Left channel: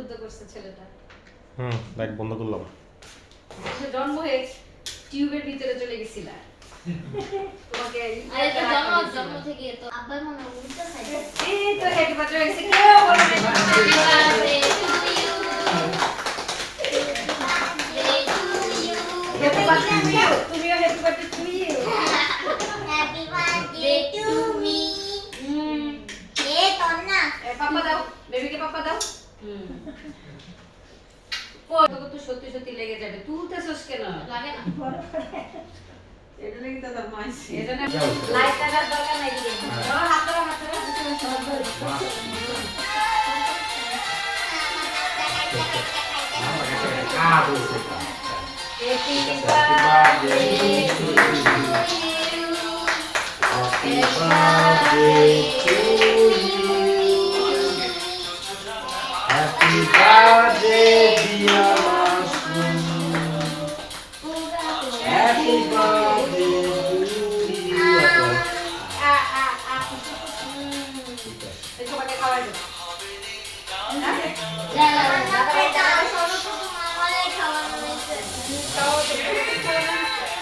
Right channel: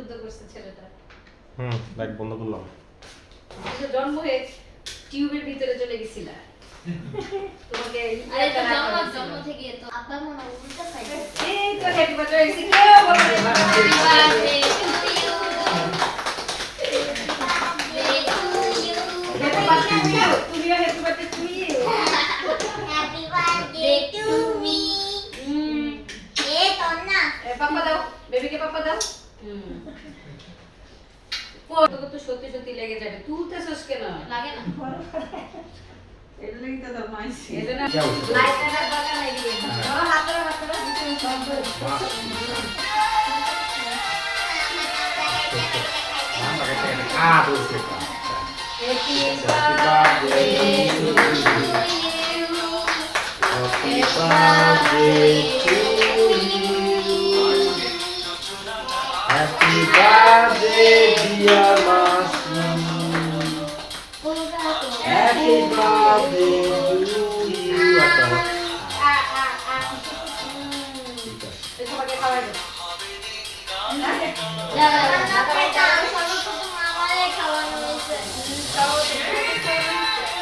যুদ্ধ করছে ছেলেটা। লাইট বন্ধ করলাম। জন্ম হয়ে টিউবের ভিতরে চলে গেছিলা। তোমাকে জন্ম থেকে তো আব্বার মনে উল্টা সাইড। এই তো হ্যাপি বার্থডে হইছে, কেউ বলে না হ্যাপি বার্থডে টু ইউ। তুমিও happy birthday to you. Happy birthday to me. এ তন্না পাপা দাও, বেবিকে পাপা দাও। কত তো সত্যি সত্যি লেগে যাবে, তুলতেছস কেন? লাগে না এটা লাগি তো তোর মাইছি এজন্য লাইট লাগার দরকার নাই দিয়ে ধরো হাত ধরো happy birthday to you, happy birthday to you, happy birthday dear মাসি, হ্যাপি বার্থডে টু ইউ। সবাইকে খাওয়াই দাও।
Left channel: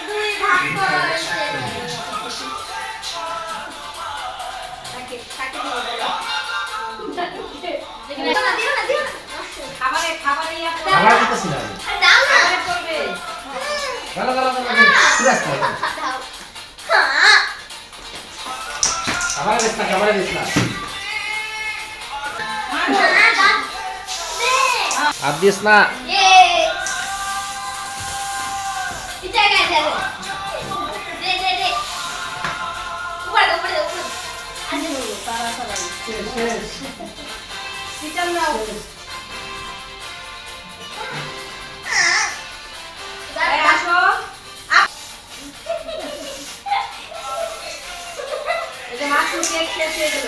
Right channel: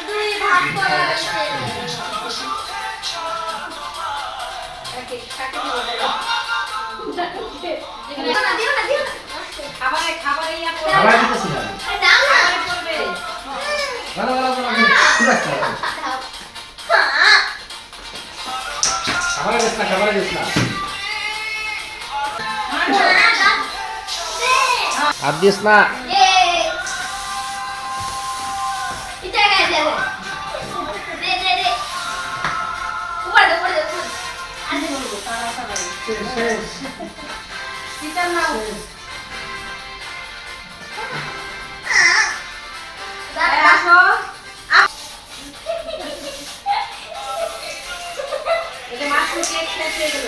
দুই ভাগ করা হয়েছে খাবারে খাবারে ইয়া করে খাবার দিতেছি না। খাবারে করবে। ভালো ভালো ভালো ঠিক আছে। খাবার দিস না, খাবার দিস না। আর দিস না। কিচেন নাও। আসো। এই যে মাছ কেক শেষ হয়ে গেল।